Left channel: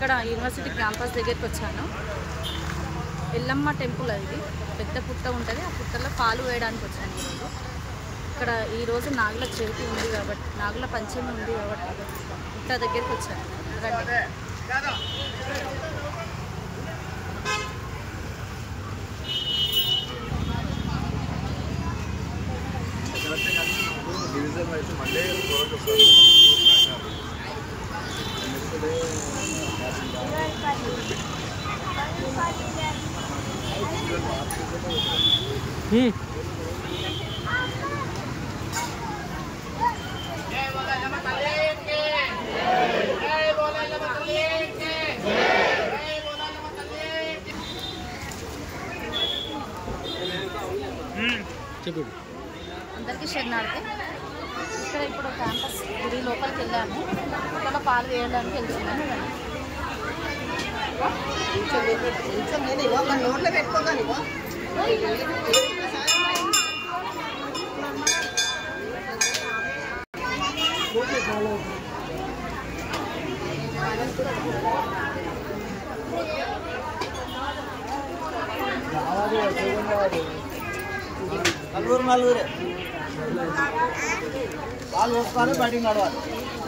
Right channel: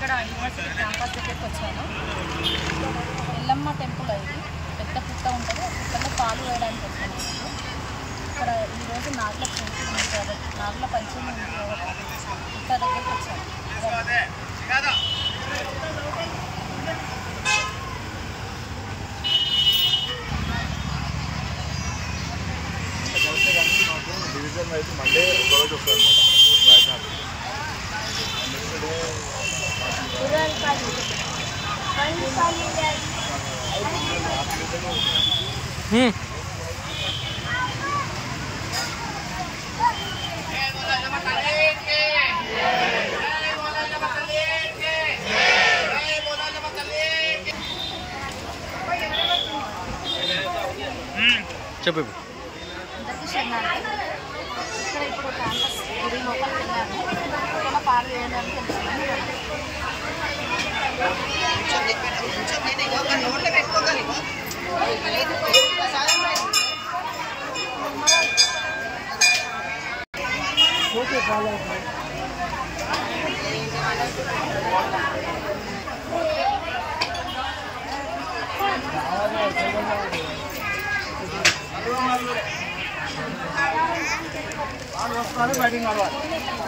ఇక్కడ university campus దగ్గరికి వచ్చాను. ఎల్లమ్మ టెంపుల్ ఇది పెద్ద పుట్ట ఉంటుంది. ఆ పుట్టలో పాలు వేయడానికి వచ్చాను ఈరోజు. ఇక్కడ ఈరోజు నాగుల చవితి ఉంది కాబట్టి, నాగుల పంచమి ఉంది కాబట్టి పుట్ట దగ్గరికి వచ్చాను. చెప్పు. అందరికీ శరణార్థి. ఇక్కడ ఇప్పుడు క్యాంపస్ గుడి లోపలికి వెళ్ళాము. ఇక్కడ పాలు వేయడానికి వెళ్తున్నాము.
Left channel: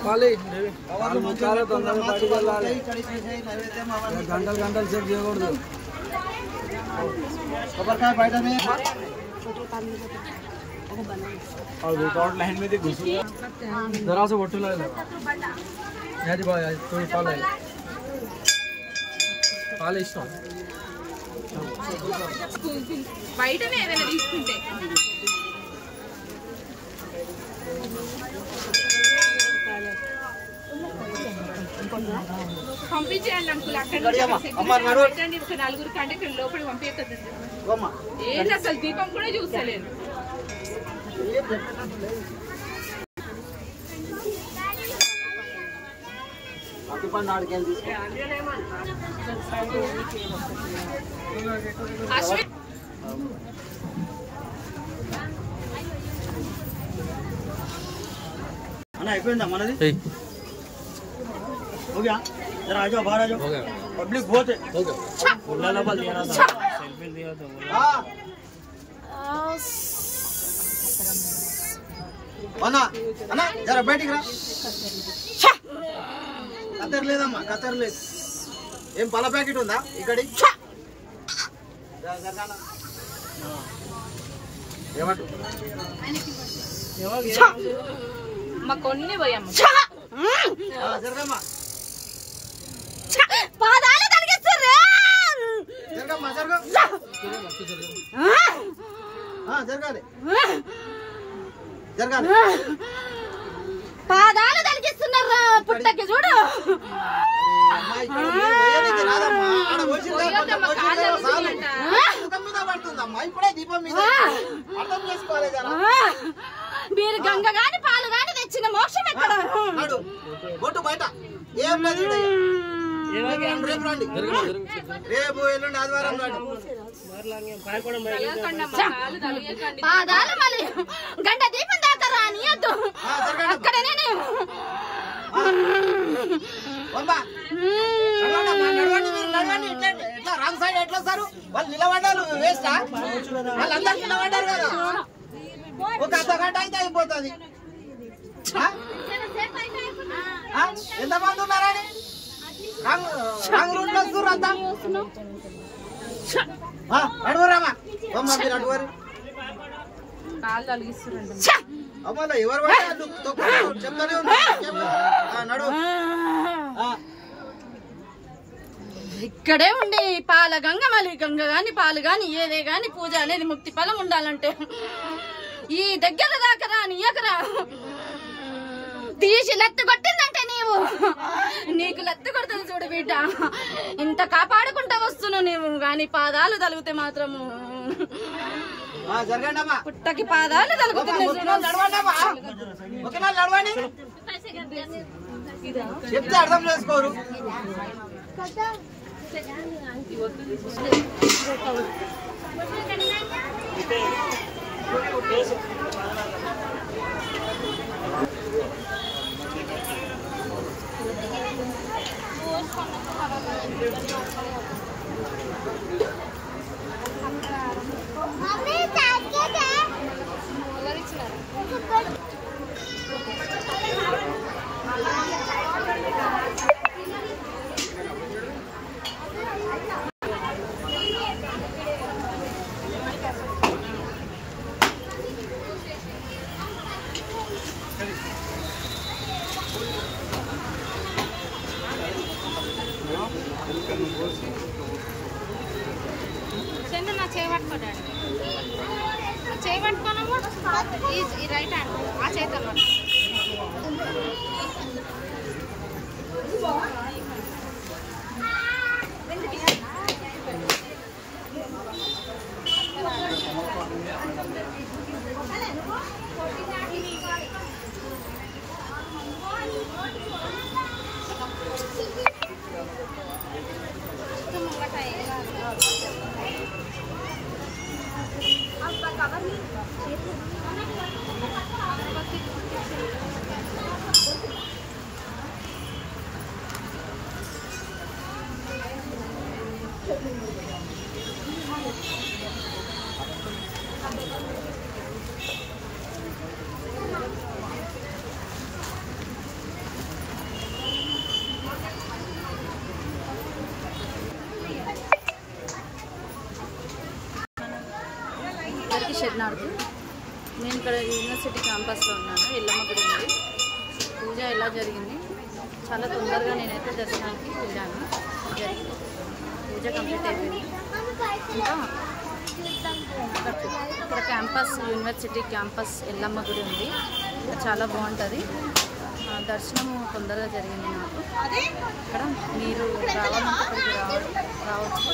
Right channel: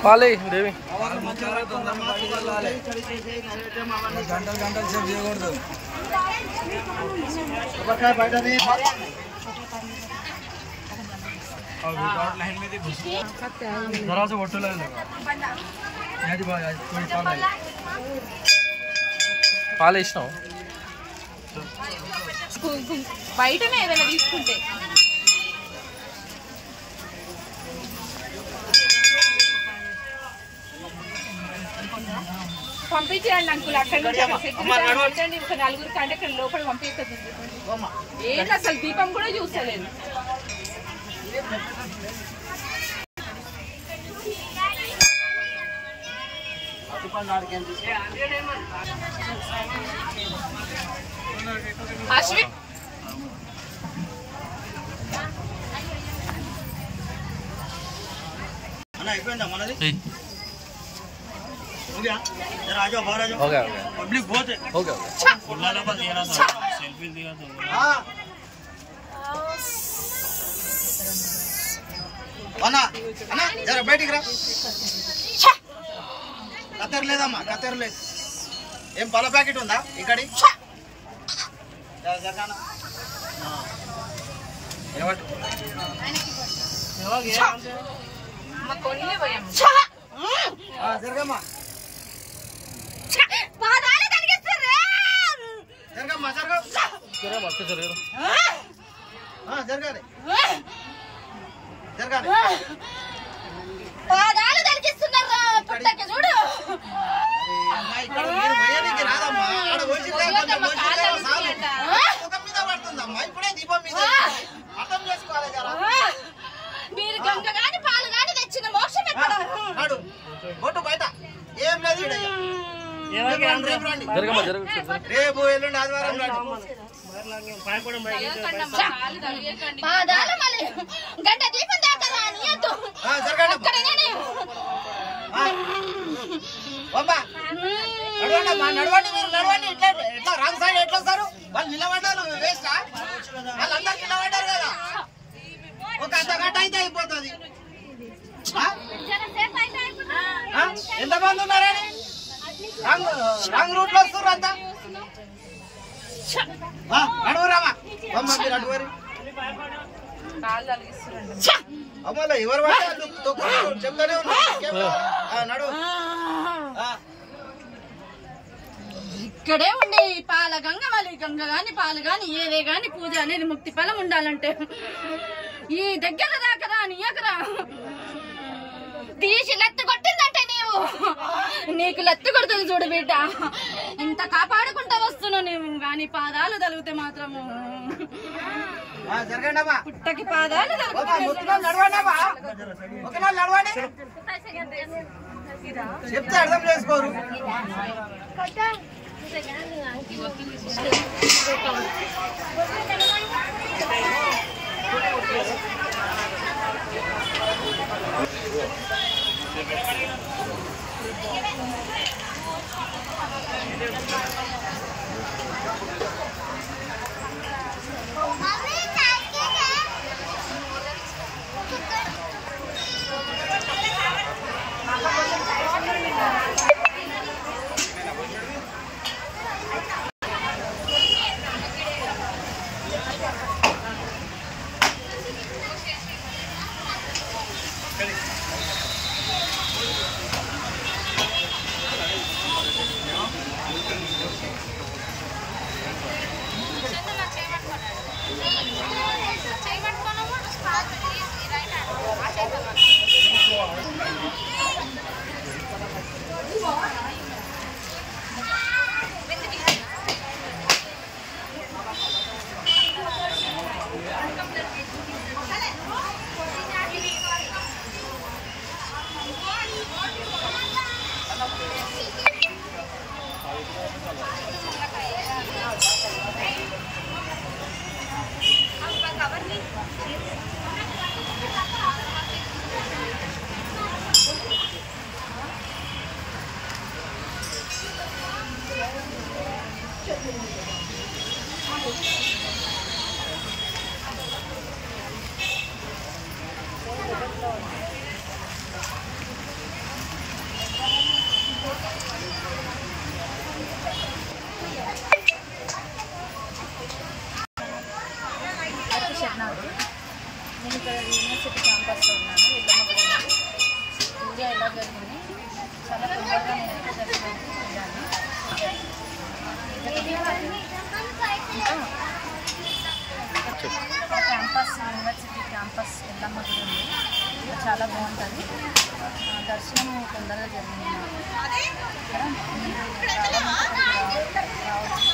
పాలే దేవి जरा से बोटल పాలు వేసినావు బయటనే ఏదైనా తీసుకుంటే పంపించేయండి అంకుల్. అక్కడ నుంచి నలుగురు కంటే ఇక్కడ లోపల పంపిస్తుంది. ఏంటి అసలు దీపం కూడా చూస్తలేదు. అశ్విన్ అయిపోయిందా మనది? हो गया जरा आ जाओ, बाहर आ जाओ. हो गया, पब्लिक बहुत है. हो गया. खुला डबल दिया था, सेल्फी दिया था. हां అన్నా అన్నా జరా బయటికి రా. కత్తర్ లేదమ్మా, కత్తర్ లేదు. ఏం పాల ప్యాకెట్ ఉందా ఇక్కడి? ఏమంటు మా కొన్ని పోయాము. జరగమ్మా పాదాలు తరిగిస్తుర్రే. జరగమ్మా జరగ జరగాలి జరగాలి. పాదాలు తరిగిస్తున్నారా పుట్టకి చూడు. ఇప్పుడే దీపం మీద అర్థం చేసుకోవాలి కదా. మీరు గంగ గాని పాలు గాని తెచ్చిన మోక్షం ఎక్కడ? బొట్టు బయట ఏం లేదు. రేపు ఎల్లుండి ఆదివారం పాదాలు మళ్ళీ గంట దీపం దాకా రానియద్దు. నడవండి, మీరు నడవండి. ఇట్లా రాంగ్ సైడ్ ఎట్లా వస్తారు? వాళ్ళు నిలబడ్డారు, వేస్టా? వాళ్ళందరూ నిలబడ్డారు కదా. ఒక అర్ధ గంట అయితే అయిపోతుంది. ఎంతమంది ఉన్నారని రాంగ్ రూట్ లో వస్తున్నారు అంతా. అడుగురామా అమ్మ, మీరు అడుగురు. అమ్మలో ఎవరు చెప్తానే నడు. ఇక్కడే ఉండి పాల గంగ మళ్ళీ గంగ గాని పాలు గాని ఏదే గాని పూజ అనేది ముక్తి ఫలం ఉండాలంటే ఈ దగ్గర దాకా రానియకరా. తీసి లెత్తు కొట్టిందంటే నీకు లెత్తు కొడుతుంది చూడు బిడ్డ. ఎంత కాపాడుకుంటా వస్తున్నావు నీవు. గాని పాదాలు తలిగితే మాత్రము పుట్టకి పాదాలు చెప్తే అర్థం చేసుకోరు. షెడ్నార్కి నేను ఇక్కడ యూనివర్సిటీ క్యాంపస్లో ఉన్నాను. ఎల్లమ్మ గుడి ఉంది. పూజ ఎలా జరిగింది, చాలా తొందరగా నేనైతే దర్శనానికి వెళ్ళాను. పూజ కంప్లీట్ అయింది. ఇంకా ఇక్కడ క్యాంపస్ యూనివర్సిటీ క్యాంపస్ ఎల్లమ్మ గుడి ఉంది. ఇక్కడ చాలా బాగుంటుంది. దర్శనం తొందరగా జరిగింది నాకు. ఇక్కడ మీరు రావాలంటే ఇక్కడికి రావచ్చు.